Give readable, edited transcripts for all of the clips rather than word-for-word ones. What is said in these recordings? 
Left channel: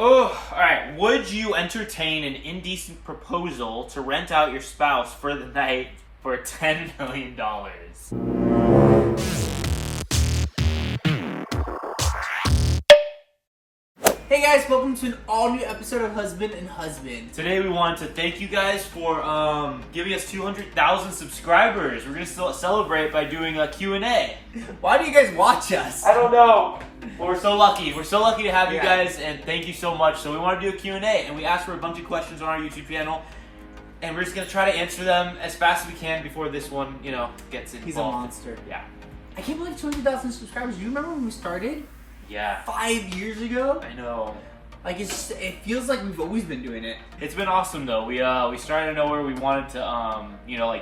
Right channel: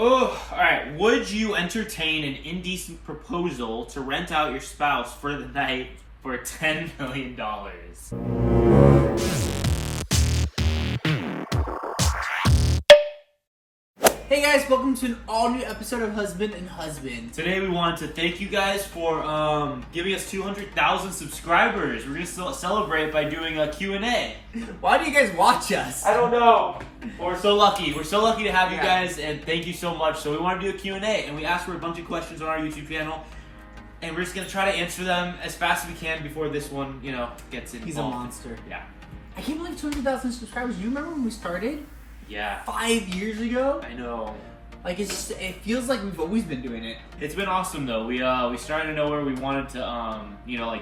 Oh, alright. Would you entertain an indecent proposal to rent out your spouse for the night for $10 million? Hey guys, welcome to an all-new episode of Husband and Husband. Today we wanted to thank you guys for giving us 200,000 subscribers. We're going to celebrate by doing a Q&A. Why do you guys watch us? I don't know. We're so lucky. We're so lucky to have you Yeah. guys, and thank you so much. So we want to do a Q&A, and we asked for a bunch of questions on our YouTube channel, and we're just going to try to answer them as fast as we can before this one, gets involved. He's a monster. Yeah. I can't believe 200,000 subscribers. Do you remember when we started? Yeah. 5 years ago? I know. Like, it feels like we've always been doing it. It's been awesome though. We started to know where we wanted to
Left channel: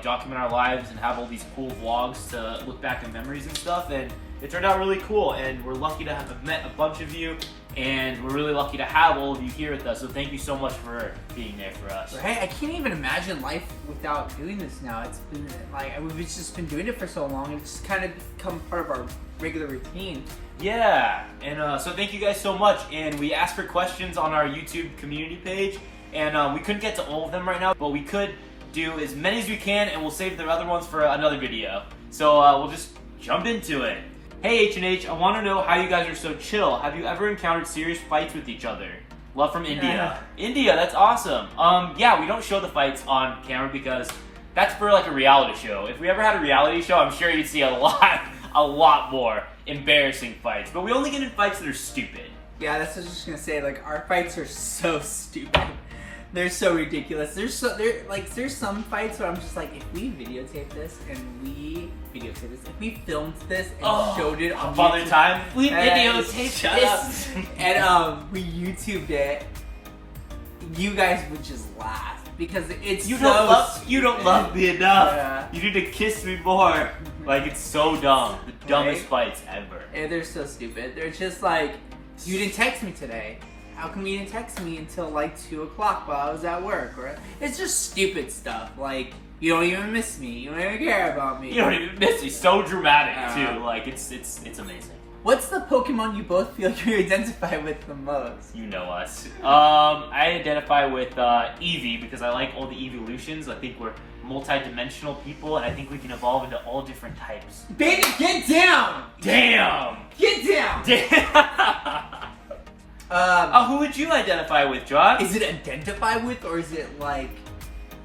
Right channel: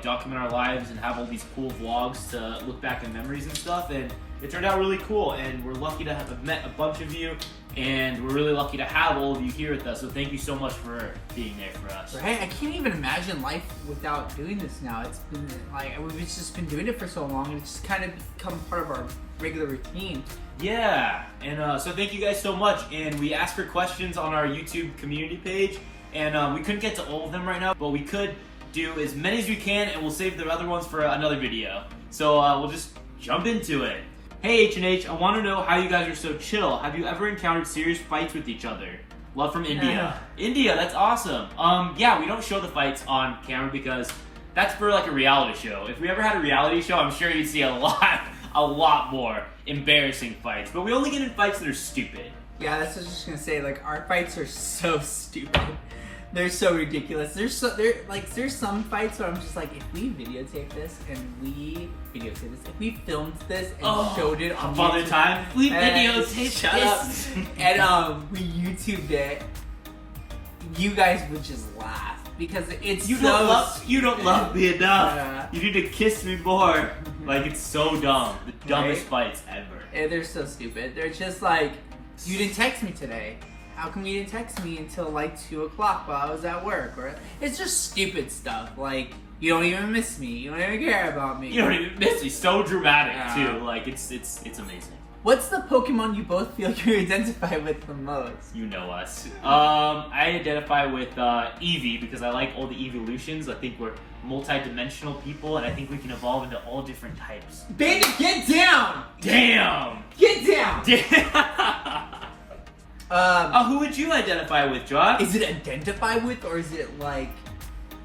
document our lives and have all these cool vlogs to look back in memories and stuff, and it turned out really cool, and we're lucky to have met a bunch of you, and we're really lucky to have all of you here with us, so thank you so much for being there for us. Right? I can't even imagine life without doing this now. It's been like, we've just been doing it for so long, and it's just kind of become part of our regular routine. Yeah, and so thank you guys so much, and we asked for questions on our YouTube community page, and we couldn't get to all of them right now, but we could do as many as we can, and we'll save the other ones for another video. So we'll just jump into it. Hey H&H, I want to know how you guys are so chill. Have you ever encountered serious fights with each other? Love from India. India, that's awesome. Yeah, we don't show the fights on camera because that's for like a reality show. If we ever had a reality show, I'm sure you'd see a lot more embarrassing fights. But we only get in fights that are stupid. Yeah, that's what I was just gonna say. Like, our fights are so stupid. They're so ridiculous. There's some fights where I'm just like, if we videotape this and if we filmed this and showed it on Father YouTube, Time, we videotaped shut up, and we YouTubed it, you guys would just laugh because it's you so don't love me enough. Yeah. You need to kiss me more. Like, it's so dumb. The dumbest fights ever. And they're so stupid. They're just like, you didn't text me today. How come you didn't text me until like 2 o'clock while I was at work? Or it's just stupid stuff. Like, you don't even miss me. You don't even care about me. You don't even miss me. So dramatic too. Like, it's amazing. What's the Pokemon you both feel you identify with the most? You know us. I identify with Eevee because I like all the evolutions. I think we're multi-dimensional people, and I think we can evolve into all different types. Baby, get down! Damn! Get down! Damn! Who would you identify with, John? Is it identify with, or is it like,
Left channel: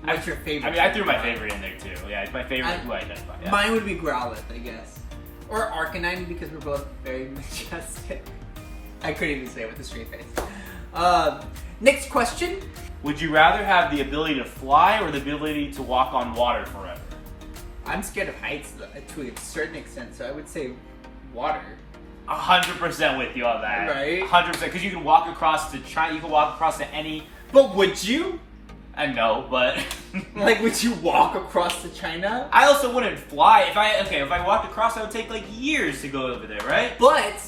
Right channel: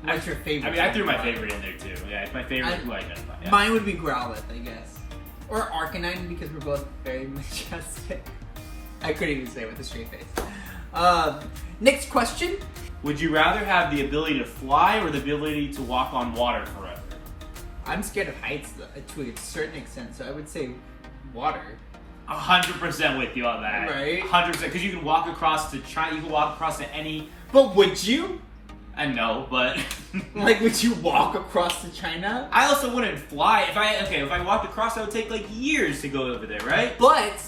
what's your favorite? I mean, I threw my favorite in there too. Yeah, it's my favorite who I identify. Yeah. Mine would be Growlithe, I guess. Or Arcanine, because we're both very majestic. I couldn't even say it with a straight face. Next question. Would you rather have the ability to fly or the ability to walk on water forever? I'm scared of heights to a certain extent, so I would say water. 100% with you on that. Right? 100%, because you can walk across to China, you can walk across to any... But would you? I know, but... Like, would you walk across to China? I also wouldn't fly. If I walked across, it would take like years to go over there, right? But,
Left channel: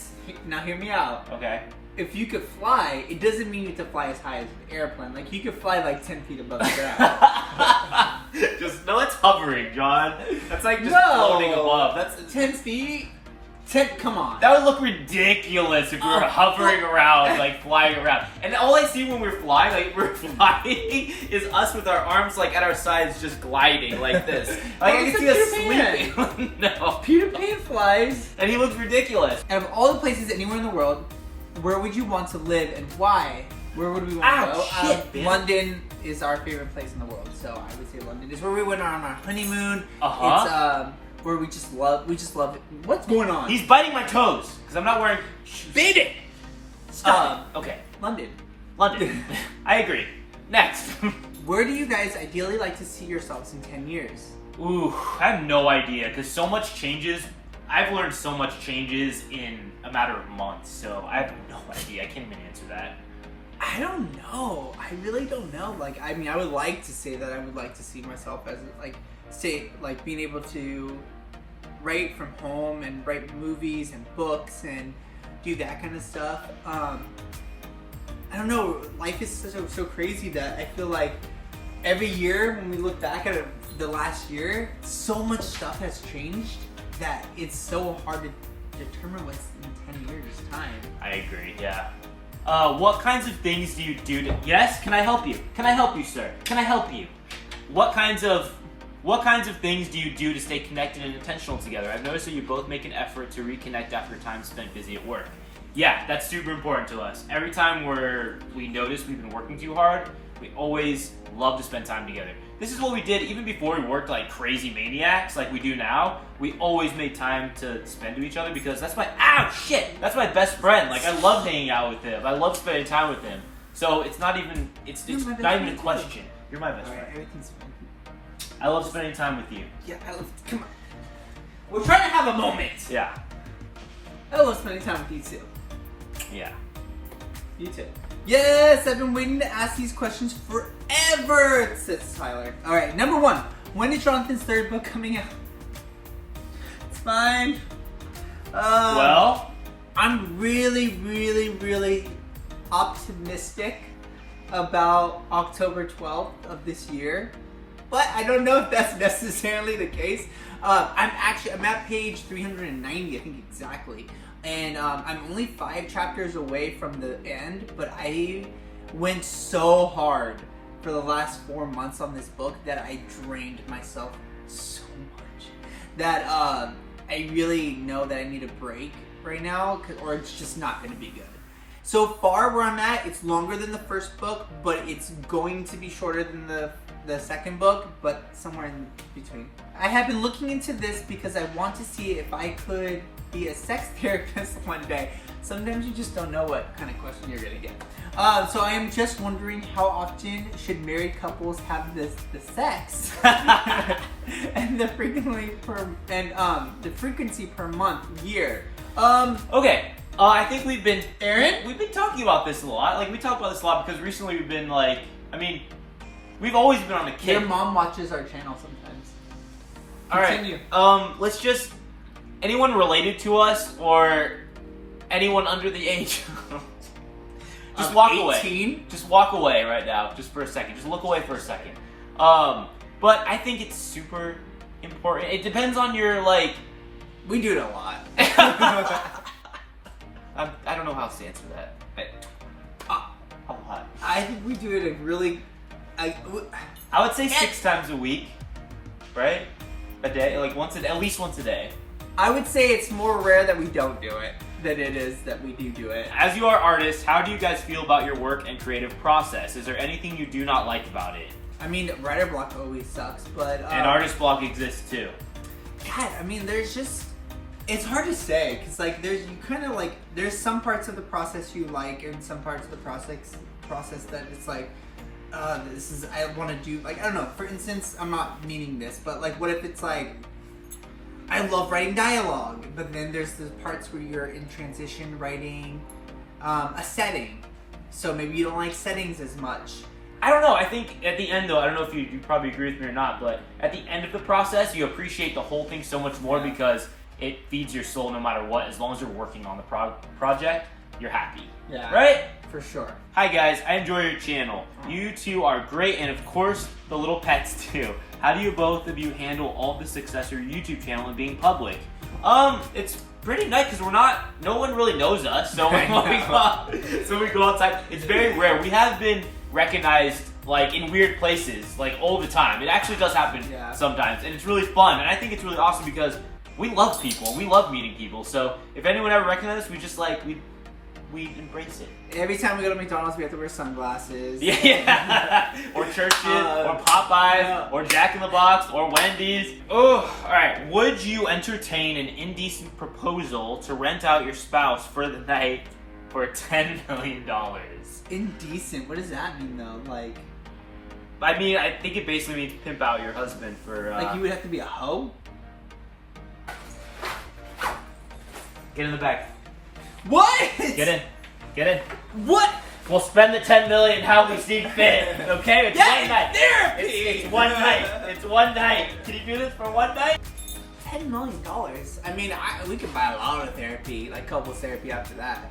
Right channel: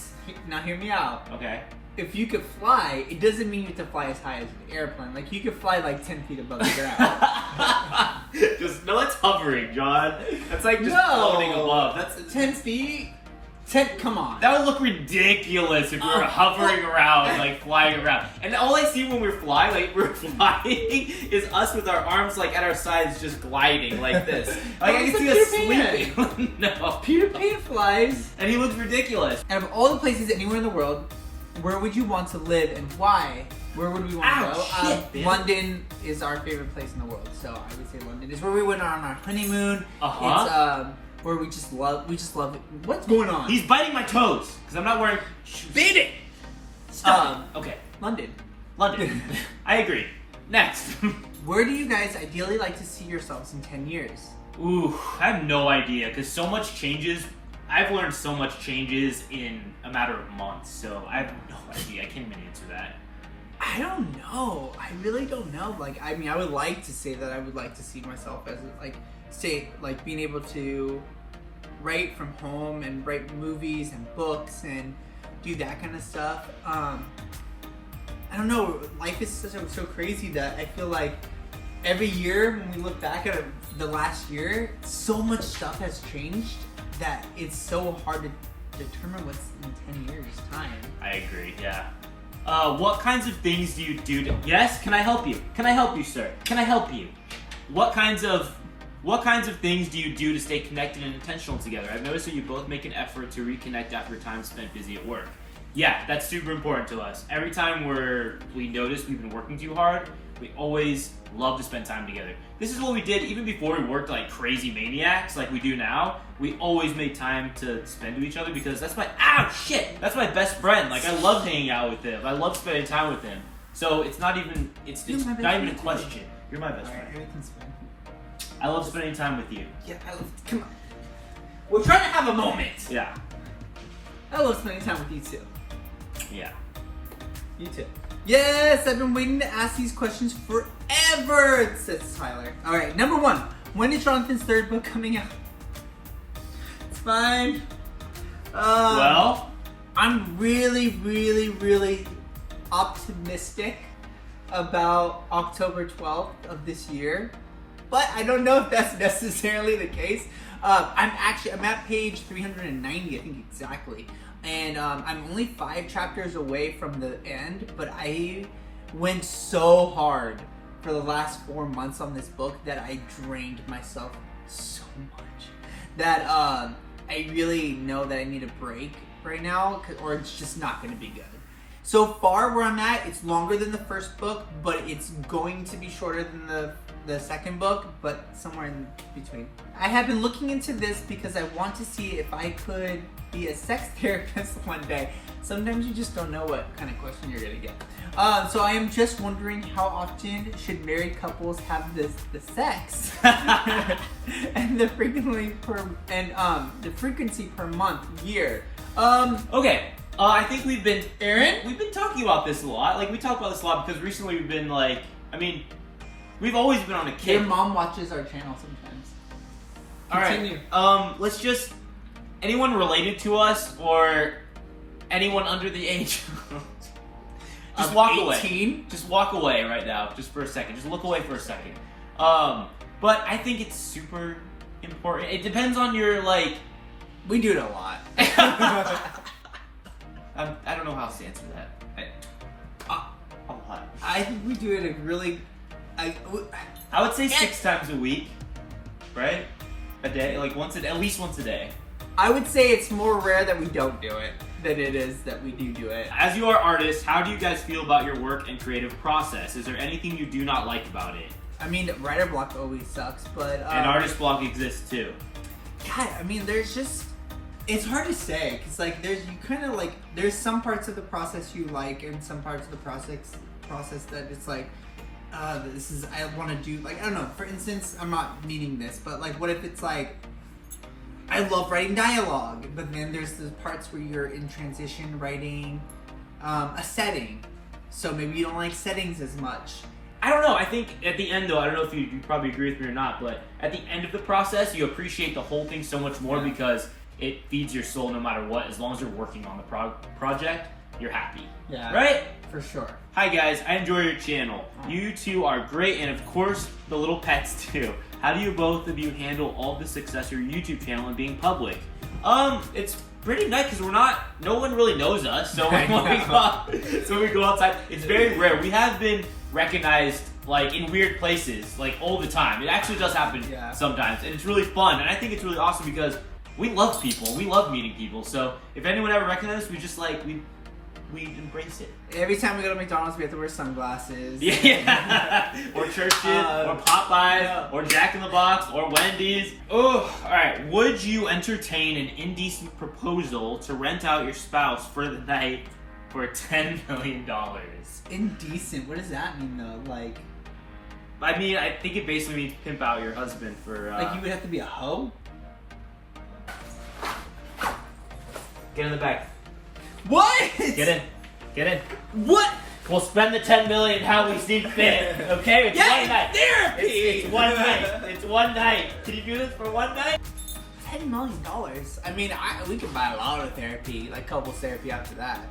now hear me out. Okay. If you could fly, it doesn't mean you have to fly as high as an airplane. Like, you could fly like 10 feet above the ground. No, it's hovering, John. That's like just floating above. That's 10 feet? Come on. That would look ridiculous if we were hovering around, like flying around. And all I see when we're flying is us with our arms like at our sides just gliding like this. Like I can see us sleeping. No. Peter Pan flies. And he looks ridiculous. Out of all the places anywhere in the world, where would you want to live and why? Where would we want to go? London is our favorite place in the world, so I would say London is where we went on our honeymoon. It's where we just love it. What's going on? He's biting my toes because I'm not wearing shoes. Beat it! Stop. Okay. London. I agree. Next. Where do you guys ideally like to see yourselves in 10 years? Ooh, I have no idea because so much changes. I've learned so much changes in a matter of months, so I have no idea. I can't even answer that. I don't know. I really don't know. Like, I mean, I would like to say that I would like to see myself as being able to write from home and write movies and books and do that kind of stuff. I don't know. Life is so crazy that I feel like every year when we look back at the last year, so much stuff has changed that it's so hard to determine what's in 10 years' time. I agree, yeah. What kinds of things do you do to... Yes? Can I help you? Can I help you, sir? Can I help you? What kinds of things do you do to stay connected and intentional together? I've noticed that you both make an effort to reconnect after time spent busy at work. Yeah, that's super important to us. Every time we notice we've been working too hard, we always love to spend time together. This is what we did even before we worked like crazy maniacs like we do now. We always made time to spend with each other because that's my that's my best friend. Like I love hanging out with him. I love spending time with him. So it's not even not even a question. You're my best friend. Everything's fine. I love spending time with you. Yeah, come on. We're trying to have a moment. Yeah. I love spending time with you too. Yeah. You too. Yes, I've been waiting to ask these questions forever, says Tyler. All right, number 1. When is Jonathan's 3rd book coming out? It's fine. Well, I'm really, really, really optimistic about October 12th of this year, but I don't know if that's necessarily the case. I'm at page 390, I think exactly. And I'm only 5 chapters away from the end, but I went so hard for the last 4 months on this book that I drained myself so much that I really know that I need a break right now, or it's just not going to be good. So far where I'm at, it's longer than the first book, but it's going to be shorter than the second book, but somewhere in between. I have been looking into this because I want to see if I could be a sex therapist one day. Sometimes you just don't know what kind of question you're gonna get. So I am just wondering how often should married couples have the sex and the frequency per month, year. Okay. I think we've been Aaron? We've been talking about this a lot. Like we talk about this a lot because recently we've been like, we've always been on the kick. Your mom watches our channel sometimes. Continue. All right. Let's just anyone related to us or anyone under the age. Just walk 18? away. Just walk away right now, just for a second. Just look away for a second. But I think it's super important. It depends on your We do it a lot. I don't know how else to answer that. A lot. I think we do it a really. I would say 6 times a week, right? A day, at least once a day. I would say it's more rare that we don't do it than it is that we do it. As you are artists, how do you guys feel about your work and creative process? Is there anything you do not like about it? I mean, writer block always sucks, but and artist block exists too. God, I mean, there's just. It's hard to say because there's some parts of the process you like and some parts of the process that it's like this is I want to do I don't know. For instance, I'm not meaning this, but what if it's I love writing dialogue, but then there's the parts where you're in transition writing a setting, so maybe you don't like settings as much. I don't know. I think at the end, though, I don't know if you probably agree with me or not, but at the end of the process, you appreciate the whole thing so much more because it feeds your soul no matter what. As long as you're working on the project, you're happy. Yeah. Right? For sure. Hi, guys. I enjoy your channel. You two are great, and of course, the little pets, too. How do you both of you handle all the success of your YouTube channel and being public? It's pretty nice because no one really knows us, so when we go outside, it's very rare. We have been recognized in weird places all the time. It actually does happen sometimes, and it's really fun. And I think it's really awesome because we love people. We love meeting people. So if anyone ever recognizes us, we just we embrace it. Every time we go to McDonald's, we have to wear sunglasses. Yeah. Or churches, or Popeyes, or Jack in the Box, or Wendy's. Oh, all right. Would you entertain an indecent proposal to rent out your spouse for the night for $10 million? Indecent? What does that mean, though? I think it basically means pimp out your husband for. You would have to be a hoe? Get in the back. What? Get in. What? We'll spend the $10 million how we see fit. Okay, it's one night. Therapy. It's one night. It's one night. Can you do this for one night? $10 million. I mean, we can buy a lot of therapy, couples therapy after that.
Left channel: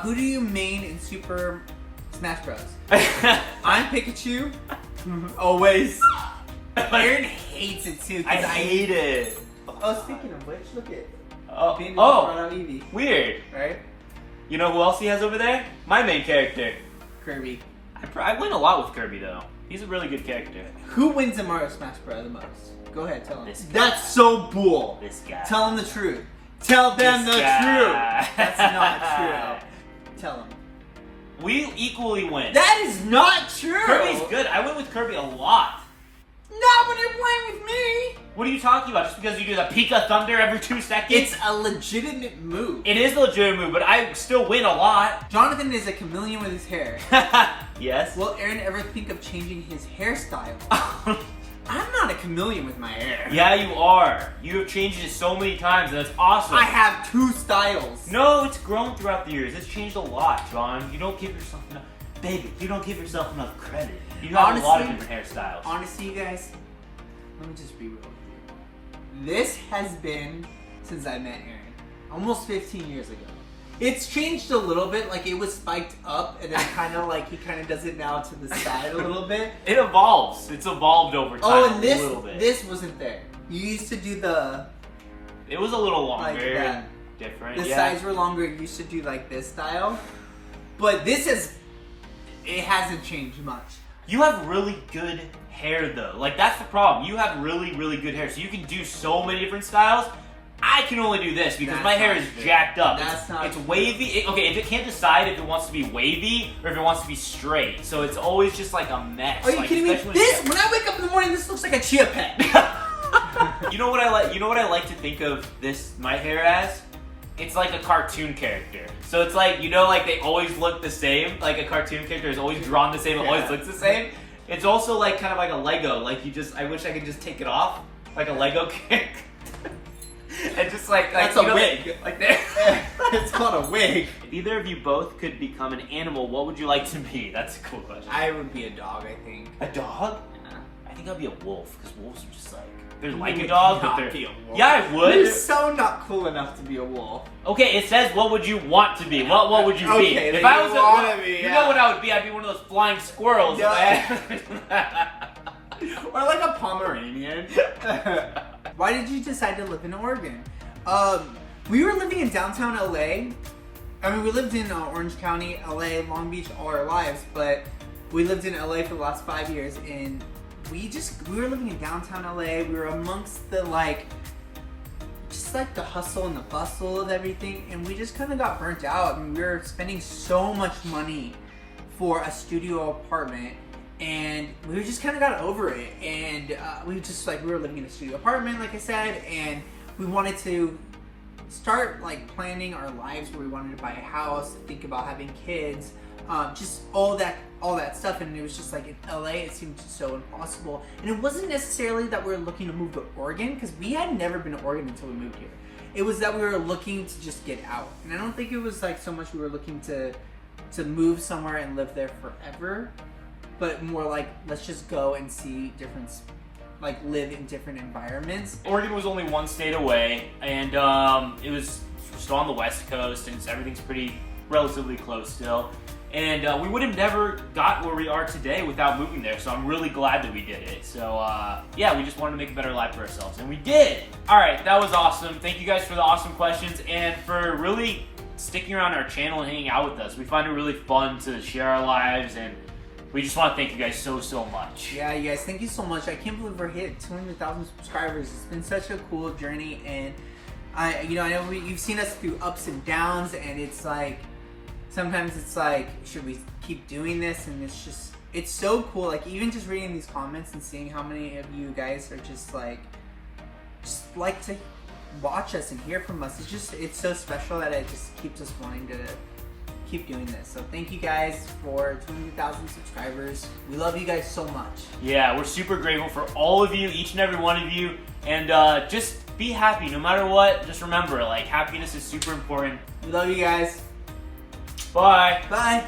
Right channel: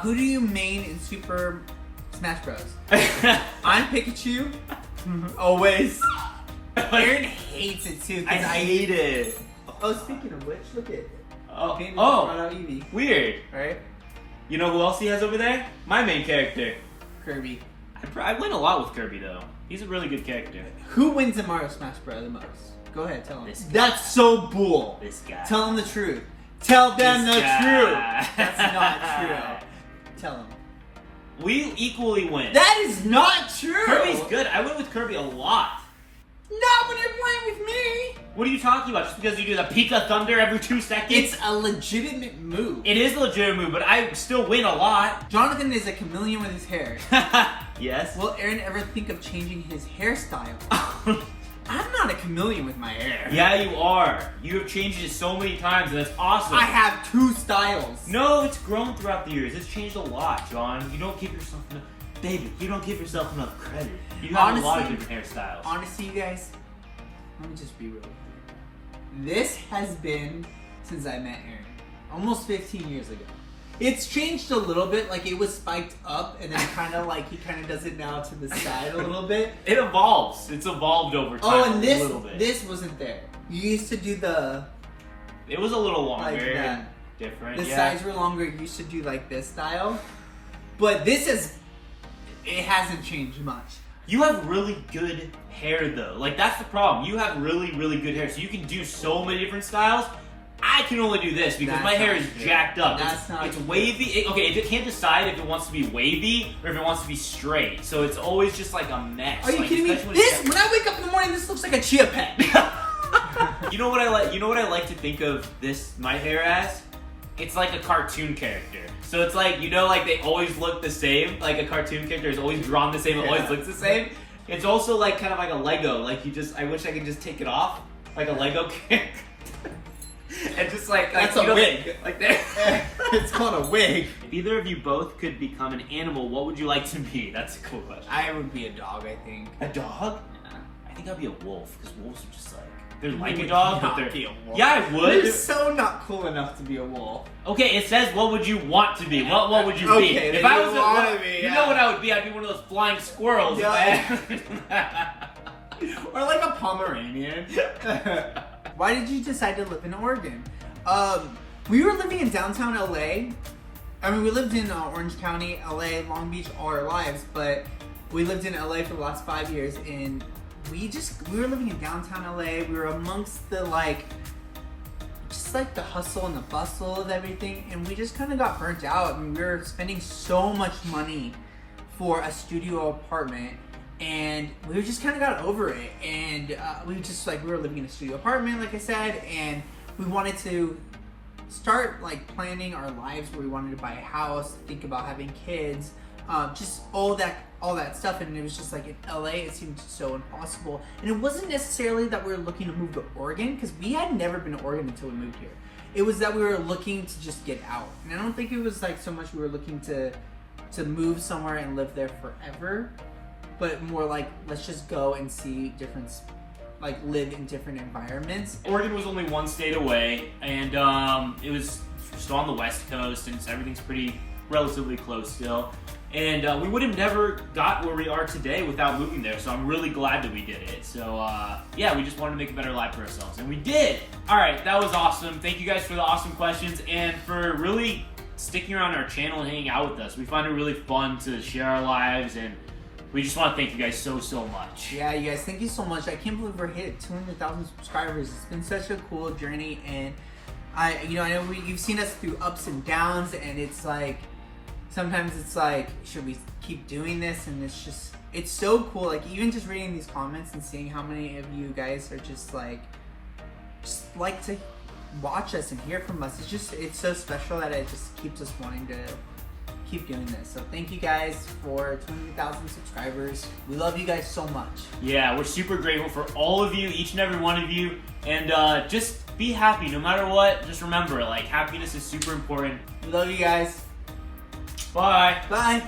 Who do you main in Super Smash Bros? I'm Pikachu. Always. Aaron hates it too. I hate it. Oh, speaking of which, look at. Oh, Eevee. weird. Right? You know who else he has over there? My main character. Kirby. I win a lot with Kirby though. He's a really good character. Who wins in Mario Smash Bros. The most? Go ahead, tell him. This guy. That's so bull. This guy. Tell him the truth. Tell them This the guy. truth. That's not true. Tell him. We equally win. That is not true. Kirby's good. I win with Kirby a lot. Not when you're playing with me. What are you talking about? Just because you do the Pika Thunder every 2 seconds? It's a legitimate move. It is a legitimate move, but I still win a lot. Jonathan is a chameleon with his hair. Yes. Will Aaron ever think of changing his hairstyle? I'm not a chameleon with my hair. Yeah, you are. You have changed it so many times, and that's awesome. I have 2 styles. No, it's grown throughout the years. It's changed a lot, John. You don't give yourself enough... Baby, you don't give yourself enough credit. You have a lot of different hairstyles. Honestly, you guys, let me just be real with you. This has been since I met Aaron. Almost 15 years ago. It's changed a little bit, like it was spiked up and then kind of like he kind of does it now to the side a little bit. It evolves. It's evolved over time and a little bit. this wasn't there. You used to do the... It was a little longer. Like that. Different. The yeah. sides were longer. You used to do like this style. But this is... It hasn't changed much. You have really good hair though. Like that's the problem. You have really, really good hair. So you can do so many different styles. I can only do this because That's my hair not is true. jacked up. That's not It's true. wavy. Okay, if it can't decide if it wants to be wavy or if it wants to be straight. So it's always just like a mess. Are you like, kidding me? especially When I wake up in the morning, this looks like a chia pet. You know what I like? You know what I like to think of this my hair as? It's like a cartoon character. So it's like, you know, like they always look the same. Like a cartoon character is always drawn the same, always looks the same. It's also like kind of like a Lego. Like I wish I could just take it off like a Lego character. And just like That's you a know, wig. Like there. It's called a wig. If either of you both could become an animal, what would you like to be? That's a cool question. I would be a dog, I think. A dog? Yeah. I think I'd be a wolf because wolves are just like they're like a would dog, but not they're be a wolf. Yeah, I would. You're so not cool enough to be a wolf. Okay, it says what would you want to be? What would you be? Okay, If then I you was wanna be, you yeah. know what I would be? I'd be one of those flying squirrels. Yeah. Or like a Pomeranian. Why did you decide to live in Oregon? We were living in downtown LA. I mean, we lived in Orange County, LA, Long Beach all our lives, but we lived in LA for the last 5 years, and we were living in downtown LA. We were amongst the just like the hustle and the bustle of everything, and we just kind of got burnt out. I mean, we were spending so much money for a studio apartment, and we just kind of got over it. And we were living in a studio apartment, like I said, and we wanted to start like planning our lives where we wanted to buy a house, think about having kids, just all that stuff. And it was just like in LA, it seemed so impossible. And it wasn't necessarily that we were looking to move to Oregon, because we had never been to Oregon until we moved here. It was that we were looking to just get out. And I don't think it was like so much we were looking to move somewhere and live there forever, but more like let's just go and see different, like live in different environments. Oregon was only one state away, and it was still on the West Coast, and so everything's pretty relatively close still. And we would have never got where we are today without moving there, so I'm really glad that we did it. So yeah, we just wanted to make a better life for ourselves, and we did. All right, that was awesome. Thank you guys for the awesome questions and for really sticking around our channel and hanging out with us. We find it really fun to share our lives, and we just want to thank you guys so much. Yeah, you guys, thank you so much. I can't believe we're hit 200,000 subscribers. It's been such a cool journey, and I know you've seen us through ups and downs, and it's like sometimes it's like, should we keep doing this? And it's so cool. Like even just reading these comments and seeing how many of you guys are just like to watch us and hear from us. It's so special that it just keeps us wanting to keep doing this. So thank you guys for 200,000 subscribers. We love you guys so much. Yeah, we're super grateful for all of you, each and every one of you, and just be happy no matter what. Just remember, like, happiness is super important. We love you guys. Bye. Bye.